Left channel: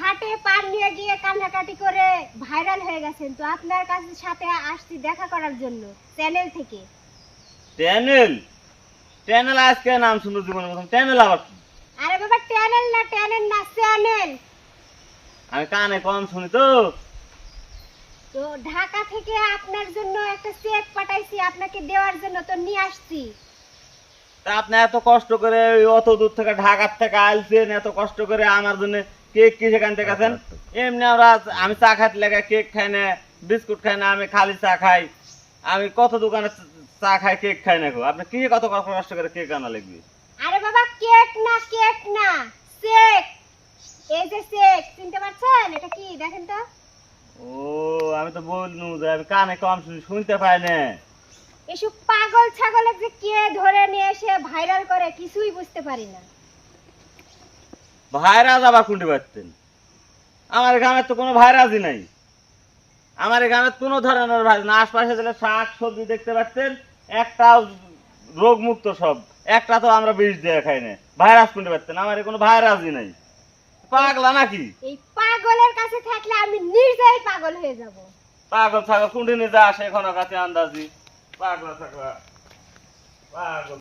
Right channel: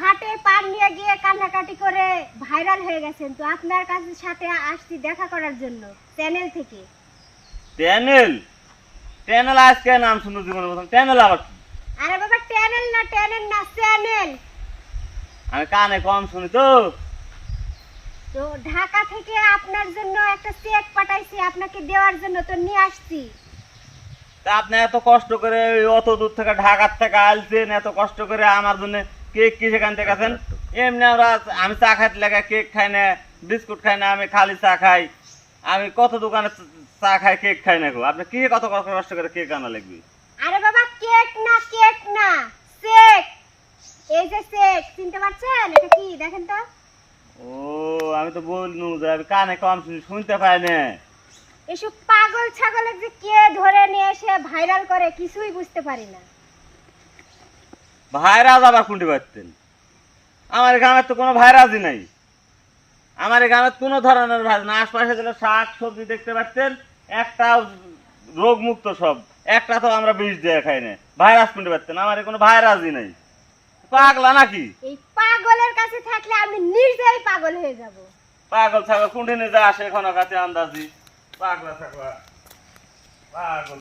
হাটে পার নিয়ে গিয়ে কান্নাকাটি করে ভাইরাল হয়ে গেছেন তো আপনার কাছে সাথে আসছি দেখা করার জন্য চ্যানেল থেকে। ট্যানেল ট্যানেল আজকে নাম শুনতে জীবনে প্রথম। ট্যানেল আবার কি? আরে বাবা চ্যানেল না চ্যানেল না চ্যানেল। আমি কানে কম শুনি তো। তো ঢাকা থেকে আপনার জন্য একটা চেক পাঠাইছি আপনাকে দেওয়ার জন্য তো নিয়ে আসছি। তা আপনি এত কষ্ট করে অত দূর থেকে ঢাকার থেকে আলছেন এত কষ্ট করে আমার জন্য কেক কি সেখান থেকে আছেন? এমনি আমরা আমি চা খাইতে লাগে কেক খাই না বিস্কুট খাই না আমি খালি চা খাই। আমি কত দোকানে চা খাই কেক খাই না গো। আপনি কি কত কষ্ট করে কেক আনা লাগবে? আরে বাবা কেক না কেক না চেক এই যে চেক চিনতে পারছেন? এটা কি? দেখেন তো। ও আমি তো বলনু যে আমি কানে কম শুনতে পাই না। এসব পাগল ছাগলের যে কে ধরে নিয়ে এসে ভাইরাল করে কিছুই বুঝতে পারি না। ভাইরাজ আবার কোনটি পারতেন আমার গ্রামের তো কোনো ভাইরাজই নাই। আমার গ্রামের কোনো ধরনের ভাইরাজ না আশপাশে যেটা শাক সবজি দেখতে পাচ্ছেন একটা রোগ মুক্ত সব। একটা তো আমরা বিষ দিয়ে খাই না। ভাইরাস কোনটি পারতেন আমার কোনো ভাইরাজই নাই। পাগলা নাকি? এই পাগলের কাছে থাকলে আমি নিজেই পাগল হয়ে যাব। পাগল ছাগল কোনটি নিয়ে যা আসে এখনও কাছে আন্দাজি। পাগলা ছাগলা। পাগল।